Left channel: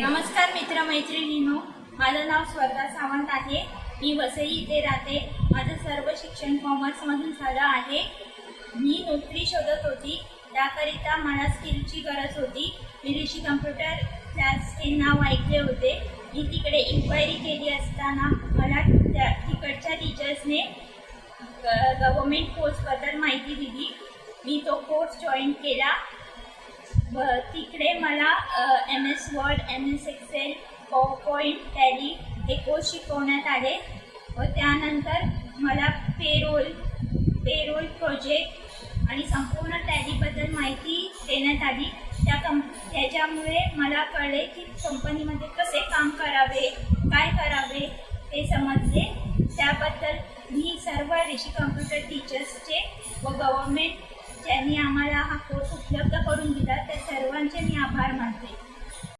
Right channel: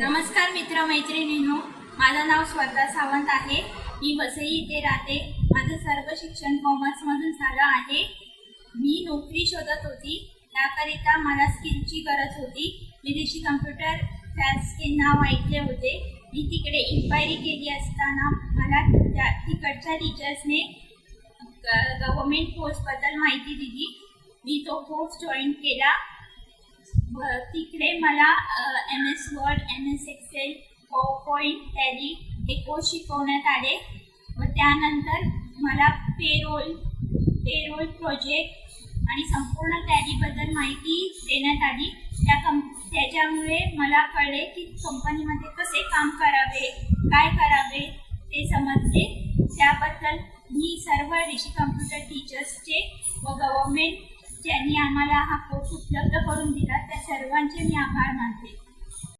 नमस्कार मित्रमैत्रिणींनो, माझं नाव स्वतः सावंत आहे. मी वसई इथे राहते. माझं सर्व शिक्षण कॉमर्समधून झालं आहे. मी नोकरी शोधत होती, त्याकरिता मला स्किलची गरज होती. मी ऋषी कम्प्युटर क्लासचे नाव ऐकले होते. मी तिकडे इन्क्वायरी केली असताना मला तिकडच्या टीचर्सने गव्हर्मेंट कोर्सबद्दल माहिती दिली. मी तो कोर्स जॉईन केला. तिकडे मला MS Word, MS Excel, PowerPoint, Tally हे कोर्स शिकवण्यात आले व त्यानंतर मला पेरोल प्रोजेक्ट आणि संपूर्ण टॅलीबद्दल माहिती देण्यात आली. त्याच्यामुळे मला कळले की कंपनीमध्ये कसे काम करावे, काय करावे ते समजले. त्याबद्दल मी सर्व ऋषी कम्प्युटर टीचर्सचे व गव्हर्मेंट ज्यांनी आम्हाला हा कोर्स उपलब्ध करून दिला त्या सर्वांचे मी आभार मानते.